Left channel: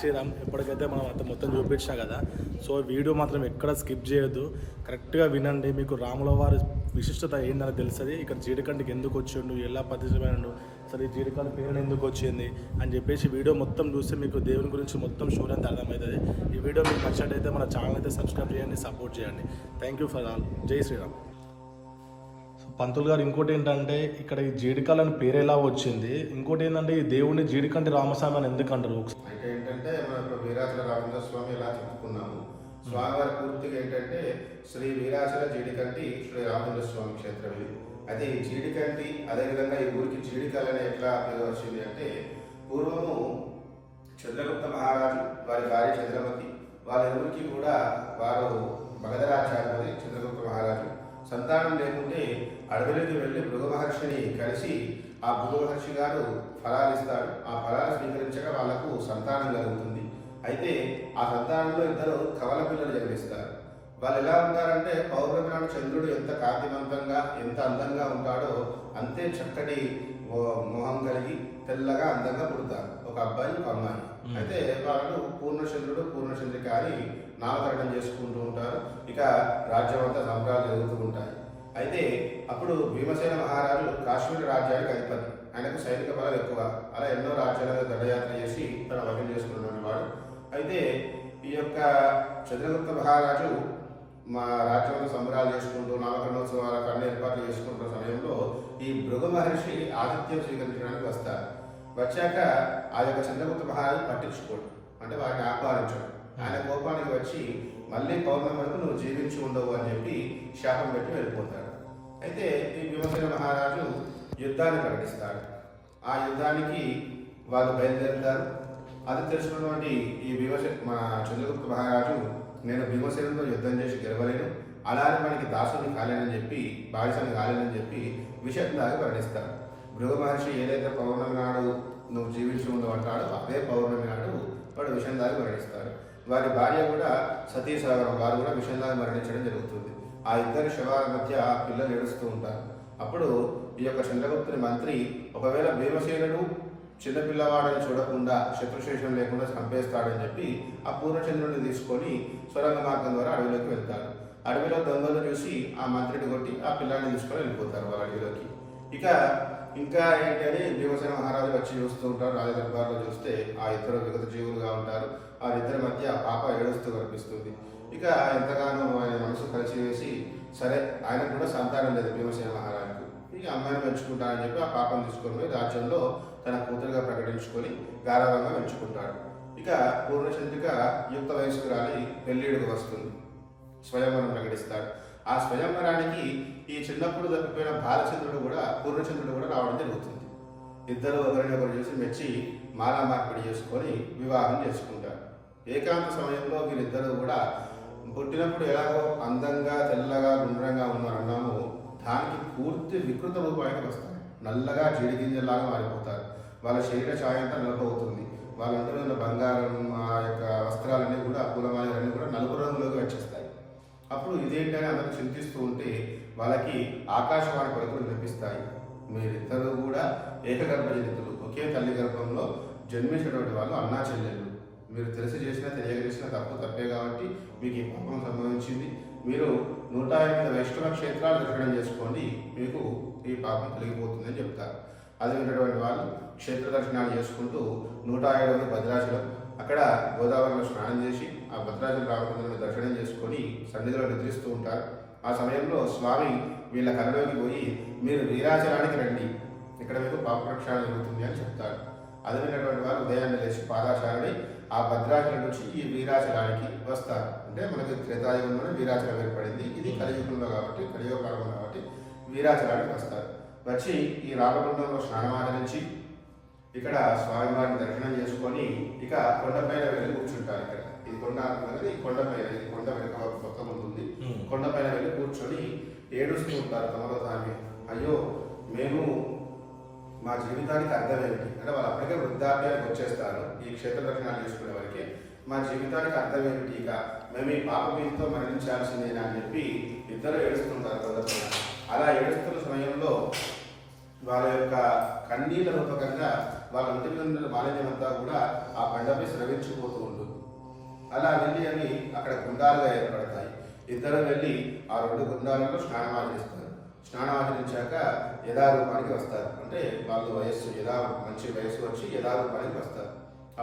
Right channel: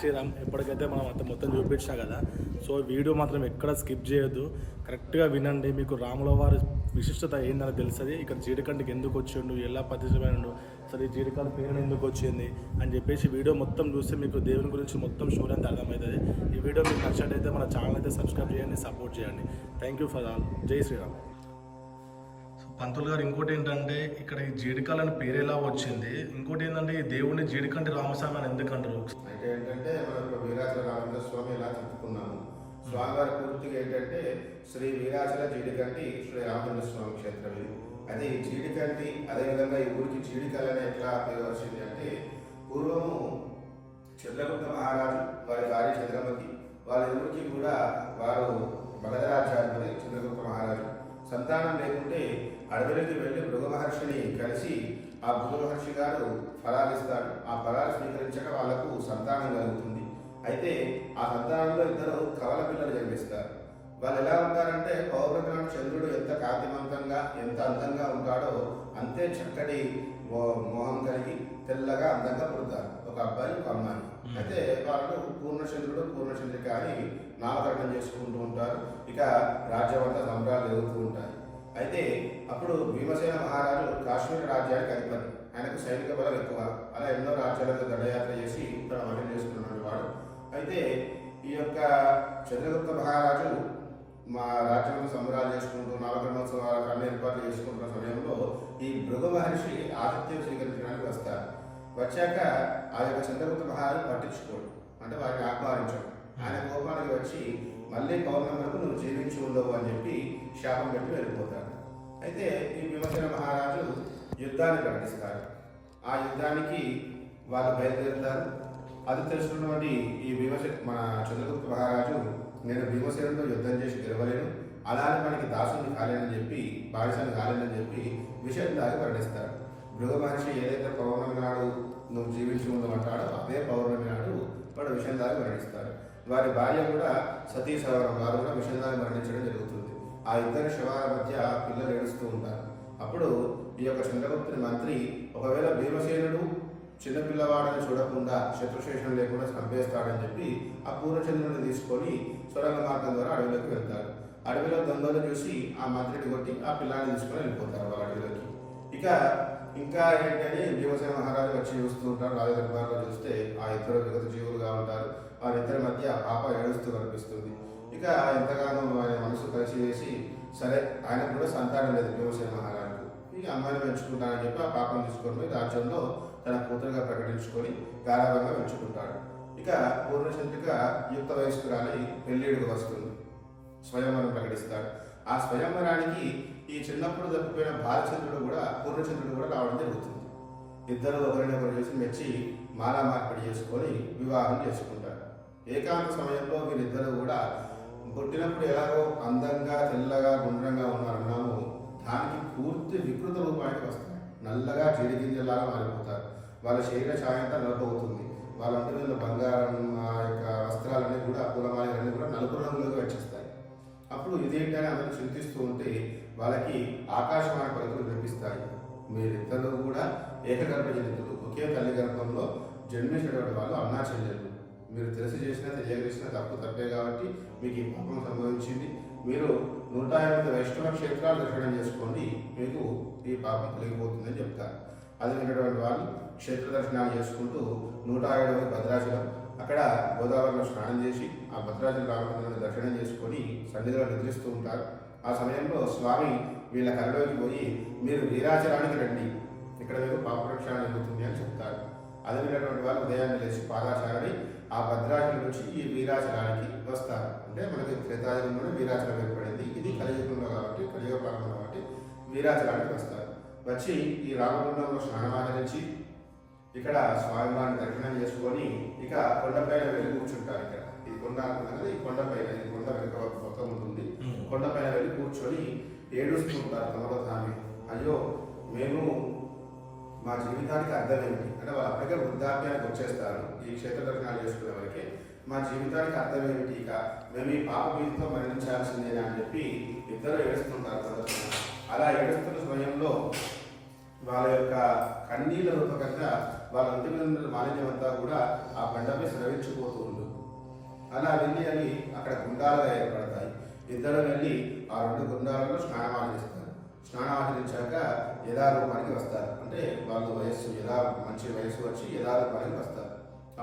శ్రీరామ్. ఎప్పటికైతే మనం అంత మొత్తం చూపించినా కదా, సో వీడియో మాత్రం ఎక్కడ స్కిప్ చేయొద్దు, కరెక్ట్గా వినండి. మీకు రాముల వారి విశిష్టత ఏందని తెలుస్తుంది. ఇక్కడ జీడికంటికి ఎందుకు వచ్చిండు, ఎలా ప్రతిష్టమైనడు, అసలు ఈ జీడికంటి పేరు ఎందుకు వచ్చింది అని చెప్పేసి వీడియో మొత్తం చూస్తే మీకు దేవుని గురించి మొత్తం స్టోరీ అంతా అర్థమవుతుంది. ఈ వీడియో మీకు నచ్చినట్టయితే మన ఛానల్ అయితే సబ్స్క్రైబ్ చేయండి, సపోర్ట్ చేయండి. Thank you for all. జై శ్రీరామ్. పంతులు గారు, ఇంకోటి ఏంటంటే ఇక్కడ ఈ జీడికాయలు అని పేరు ఎలా వచ్చింది, ఇంకోటి ఏంటంటే ఈ దేవుడిని జీడికంటి రామస్వామి అని ఎందుకు అంటారు? అంటే ఏంటంటే మనం ఇప్పుడు వీరాచల రామచంద్ర స్వామి ఇలా చెప్పుకున్నాము. స్వామివారి పూర్తిగా ఏంటంటే శ్రీ వీరాచల జీడికంటి శ్రీ రామచంద్ర స్వామి క్షేత్రం ఇది. అది జీడికంటి, అదేవిధంగా ఈ ఊరికి జీడికల్ ఎట్లా పేరు వచ్చింది అంటే, పూర్వము చంద్రగుప్త మహారాజు వారి భార్య చంద్రమతి వాళ్ళ ఊరికి కూడా వారు మగధరాజ్యాధిపతి చంద్రగుప్త మహారాజు సంతానం లేకుంటే అడవిలోకి వెళ్ళి భృగు మహర్షిని కలిసి ఆ భృగు మహర్షి గారు ఫలాలు ఇస్తాడు. ఆ ఫలాలు స్వీకరించక వాళ్లకు సంతానం కలుగుతుంది. అయితే ఆ సంతానంలో ఇద్దరు కవల పిల్లలు జన్మిస్తారు. వాళ్ళు ఎలా ఉంటారంటే, పౌర్ణమి నాడు చంద్రుడు ఎంత కాంతివంతంగా ఎంత అందంగా ఉంటాడో అంతే చక్కటి మోహం కలిగి తెల్లగా అందంగా పుడతారు. ఒక అబ్బాయి ఒక అమ్మాయి. అయితే వాళ్ళు పూర్ణచంద్రుడు పూర్ణచంద్రిక అని నామకరణం చేసుకుంటూ ఉంటారు. ఇక రాజ్యం అంతా సంబరాలు జరుగుతూ ఉంటాయి. అయితే అప్పుడు భీమసేన మహారాజు కాశ్మీర రాజ్యానికి అధిపతి. ఆయనకు సైనిక బలం ఎక్కువ. అలా ఎన్నో రాజ్యాలకు దండయాత్ర చేసి తన వశం చేసుకున్నాడు వాడు. అయితే ఈ యొక్క చంద్రగుప్త మహారాజు మా రాజ్యంలో సంబరాలు చేసుకుంటూ నామకరణోత్సవాలకు అన్ని ఏర్పాట్లు చేసుకుంటున్న సమయంలో ఈ భృగు మహర్షి ఆతిథ్యం స్వీకరించడానికి వస్తారు. వచ్చాక ఆ యొక్క చంద్రగుప్త మహారాజు పట్టించుకోడు, అంటే వారిని ఆహ్వానించడు. ఆయన కోపానికి వచ్చి మళ్ళీ పౌర్ణమి వరకు నువ్వు జీవించి ఉండవు అని చెప్పి శాపం పెట్టి వెళ్ళిపోతాడు. అయితే ఈ భీమసేన మహారాజు యుద్ధాన్ని ప్రకటిస్తారు. ఆ యుద్ధానికి వాళ్ళు బయలుదేరుతారు. అది తెలుసుకున్నటువంటి ఈ మన చంద్రగుప్త మహారాజు, నేను భీమసేనంతో యుద్ధం చేసి గెలవలేను, అలానే మనకి దాసుని కాలేనని చెప్పి, బానిసని కాలేనని చెప్పి విషయం దాగి వర్ణిస్తారు. భృగు మహర్షి ఏదైతే పౌర్ణమి నాడు నువ్వు జీవించి ఉండమంటాడో అదే పౌర్ణమి నాడు వాడు విషయం దాగి మరణిస్తాడు. వారి భార్య కూడా సతీ సహవరం, వారు కూడా విషయం దాగి మరణించడం జరుగుతుంది. ఆ ఇద్దరి శవాల మధ్య పిల్లలు ఏడుస్తూ ఉంటారు. అప్పుడు ఈ యొక్క చంద్రగుప్తుని మంత్రి, ఒకవేళ భీమసేనుడు చిన్నపిల్లవాడని చూడకుండా శత్రుశేషం లేకుండా చంపేస్తాడని చెప్పి ఆ పూర్ణచంద్రుడిని తీసుకొని సొరంగ మార్గం ద్వారా అడవిలోకి వెళ్తారు. అడవిలో దొంగలు చూసి ఆ మంత్రిని కొట్టి ఆ పిల్లాన్ని తీసుకొని వెళ్ళిపోతారు వాళ్ళ అడవిలోకి. ఇంకా ఏంటని భీమసేన మహారాజు వచ్చి చూస్తూ ఉంటారు. రాజదర్బార్లో చూస్తే ఆ ఇద్దరు విగత జీవులుగా ఉంటారు. వారిద్దరి మధ్య పాప ఏడుస్తూ కనిపిస్తుంది. ఇక ఎంతగానో ఆయన మనసు కలిసి వేసి, సరే ఆయనకు కూడా సంతానం లేదు భీమసేన మహారాజుకు, ఇక అమ్మాయిని పెంచుకుంటానని చెప్పి ఆ పాపను తీసుకొని పోయి రాజ్యంలో తన కూతురుగా ప్రకటించుకొని గారాభంగా పెంచుకుంటాడు. ఇక పూర్ణచంద్రిక యుక్త వయస్కురాలి పెళ్ళిడుకు వస్తుంది. స్వయంవరం ప్రకటిస్తాడు. ఆ స్వయంవరానికి ఈ చిన్నప్పుడు తప్పిపోయిన బాలచంద్రుడు కూడా పూర్ణచంద్రుడు కూడా రావడం జరుగుతుంది. ఇద్దరు ఒకరిని ఒకరు చూసి మెచ్చి మాలా మార్పిడి చేసుకొని వివాహం చేసుకుంటారు. ఏకాంత సమయంలో వీరిద్దరూ కూడా పుట్టినప్పుడు ఎలాగో అందంగా తెల్లగా గుండ్రంగా ఉన్నారన్నామో దానికి పూర్తి వికృత రూపానికి వస్తారు. నల్లగా జీడిగింజలాగా మారిపోతారు. వాళ్ళ శరీర ఛాయంతా నలుపవుతుంది. వాళ్ళ ఒంటి మీద బంగారం, ఆ యొక్క వస్త్రాలన్నీ కూడా పూలమాలన్నీ కూడా నలుపు రంగులోకి వచ్చేస్తాయి. అప్పుడు ఇదేంటని అందరూ చింతిస్తూ ఉంటే వాళ్ళకి ఆకాశవాణి పలుకులు వినిపిస్తాయి. మీరిద్దరూ కూడా ఏకగర్భజనితులు, ఒకే తల్లి గర్భంలో జన్మించినటువంటి వాళ్ళు అన్నా చెల్లెళ్ళు. మీరు తెలిసి చేసినా తెలియజేసిన తప్పే కాబట్టి మీకు ఈ పాపం సంభవించింది. మీరు 108 వైష్ణవ క్షేత్రాలు దర్శనం చేసుకోండి, మీకు ఈ పాపం తొలగిపోతుందని చెప్తారు. అది విన్నటువంటి వాళ్ళు క్షేత్ర దర్శనాలు చేసుకుంటూ 107 భద్రాచలం, అక్కడ గోదావరిలో స్నానం చేసి ఆ భద్రాచల రామచంద్రుని దర్శనం చేసుకొని సన్నిధిలో నిద్రిస్తూ ఉంటారు. ఆ సమయంలో స్వామి వీళ్ళ కళలోకి పోయి, మీరు వీరాచలానికి రండి, ఇక్కడ మీకు పాప ప్రక్షాళన జరుగుతుంది అని చెప్తారు. అది విన్నటువంటి వాళ్ళు ఉదయాన్నే లేచి పాదాచారని ఆ భద్రాచలం నుంచి ఈ వీరాచలానికి వస్తారు. అంటే మనకి త్రేతాయుగంలోనే వీరాచలం ఏర్పడింది. ఇది కలియుగంలో కాబట్టి, కలియుగ కాలంలో కాబట్టి వీరాచలానికి వస్తారు. వచ్చి ఈ రామగుండంలో స్నానమాచరించి ఇక్కడ స్వామివారిని దర్శనం చేసుకొని ఇక కొండపైన వెళ్ళి కూర్చుంటారు. ఇక్కడ ఇది కొండ అనుకున్నది, ఈ కొండపైన, ఇది కొండ వెనుక మొత్తం ఉంటుంది. కొండపైన వెళ్ళి కూర్చొని ఏడుస్తూ ఉంటారు తమలో తామే. అయ్యో, మేము మా జీవితానికి అర్థం ఏమిటి అంటే, వాళ్ళు అప్పటికే వృద్ధాప్యానికి వచ్చేస్తారు ఈ క్షేత్ర దర్శనాలు చేసుకునే వరకే. మా జీవితానికి అర్థం ఏమిటి, ఇక మేము ఈ పాప బీజంతో మరణించాల్సిందేనా అని చెప్పి ఇద్దరు ఏడుస్తుంటారు కొందరు. అలా ఏడుస్తున్న సమయంలో వాళ్ళ యొక్క కన్నీళ్ళ రూపకంగా వాళ్ళ ఒంటి మీద మాలిన్యం అంతా కూడా ఆ బండపై స్రవించిపోతూ ఉంటుంది. అలా వెళ్ళి అవి అక్కడ గుండాలుగా ఏర్పడతాయి. ఇద్దరు వెళ్ళి ఆ 2 గుండాలలో స్నానం ఆచరిస్తారు. స్నానం ఆచరించాక యథారూపానికి వస్తారు. అంటే వాళ్ళు మంచి వయస్సు వచ్చి యథారూపానికి వస్తారు.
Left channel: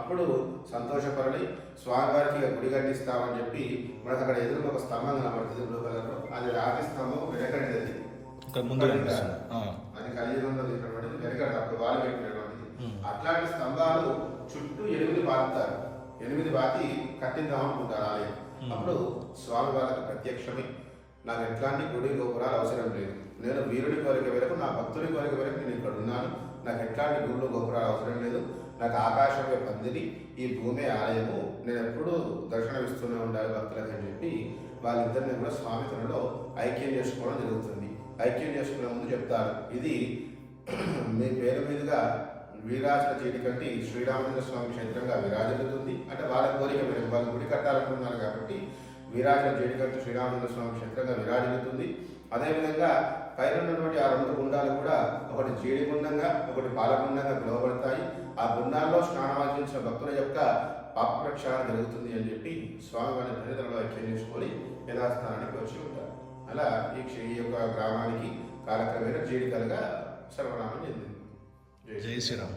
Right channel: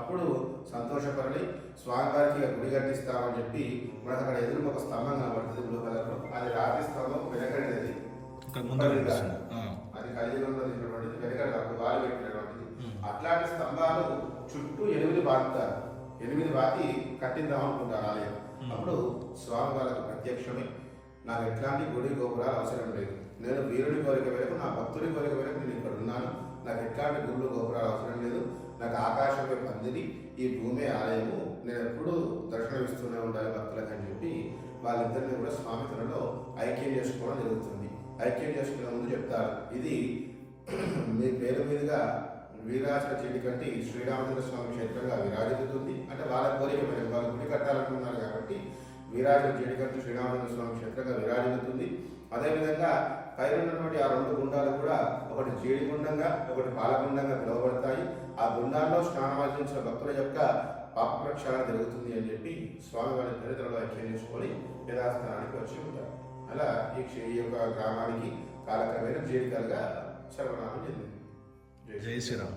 అప్పుడు సంతోషపరని స్వామివారికి గుడి కట్టిస్తామని చెప్పి మనకు అక్కడ ఎదురు ఒక స్తంభం కనబడుతుంది బ్లూ కలర్లో. అది రాతి స్తంభం వెనకడిది. ఇక్కడ ముందు అది కలియుగంలో ఉన్నటువంటిది వెనకడ అప్పుడు వాళ్ళు పెట్టినటువంటిది. అట్లాంటి స్తంభాలు చుట్టూ 8 బాగుతారు. 8 బాతి కట్టిద్దాం అనుకుంటారు ఆలయం. అప్పుడు స్వామి వాళ్ళకి ప్రత్యక్షమై నాకు ఎట్లాంటి గుడి గోపురాలు అవసరం లేదు, నేను వీరుడి కోరిక మేరకు నా భక్తుడి కోరిక మేరకు నేను ఇక్కడ ఉన్నాను, నాకు ఎట్లాంటి గుళ్ళు గోపురాలు అవసరం లేదు, నాకు ఆకాశమే పందిరి, ఈ భూమి ఆలయము, నేను ఎప్పుడూ దర్శనమిస్తూనే ఉండాలి భక్తులకు అని చెప్పి వాళ్ళిద్దరిని కూడా స్వామి తనలో ఐక్యం చేసుకోవడం జరుగుతుంది. ఐక్యం చేసుకునే ముందు చెప్తారు, ఇది మీ పేరు మీదుగా వీరాచల చీడికంటి శ్రీరామచంద్ర స్వామి క్షేత్రంగా విరాజిల్లుతుంది. అంటే వాళ్ళ కోరిక మేరకు వాళ్ళు గుడి కట్టాలనుకున్నారు కాబట్టి వీరాచల చీడికంటి శ్రీరామచంద్ర స్వామి క్షేత్రంగా విరాజిల్లుతుంది. అదేవిధంగా పైన ఉన్నటువంటి ఆ 2 గుండాలు కూడా ఒకటి జీడిగుండంగా ఒకటి పాలగుండంగా పిలువబడతాయి. ఆ గుండాల్లో స్నానమాచరించిన భక్తుల యొక్క పాప ప్రక్షాళన జరుగుతుంది అని చెప్పి స్వామి వారి దరిద్రలో ఐక్యం చేసుకొని యథాస్థానానికి వచ్చి ఉంటారు. అలా ఈ యొక్క గ్రామానికి కాలక్రమేణా జీడికలుగా సర్వనామం చెందింది. జై శ్రీరామ్.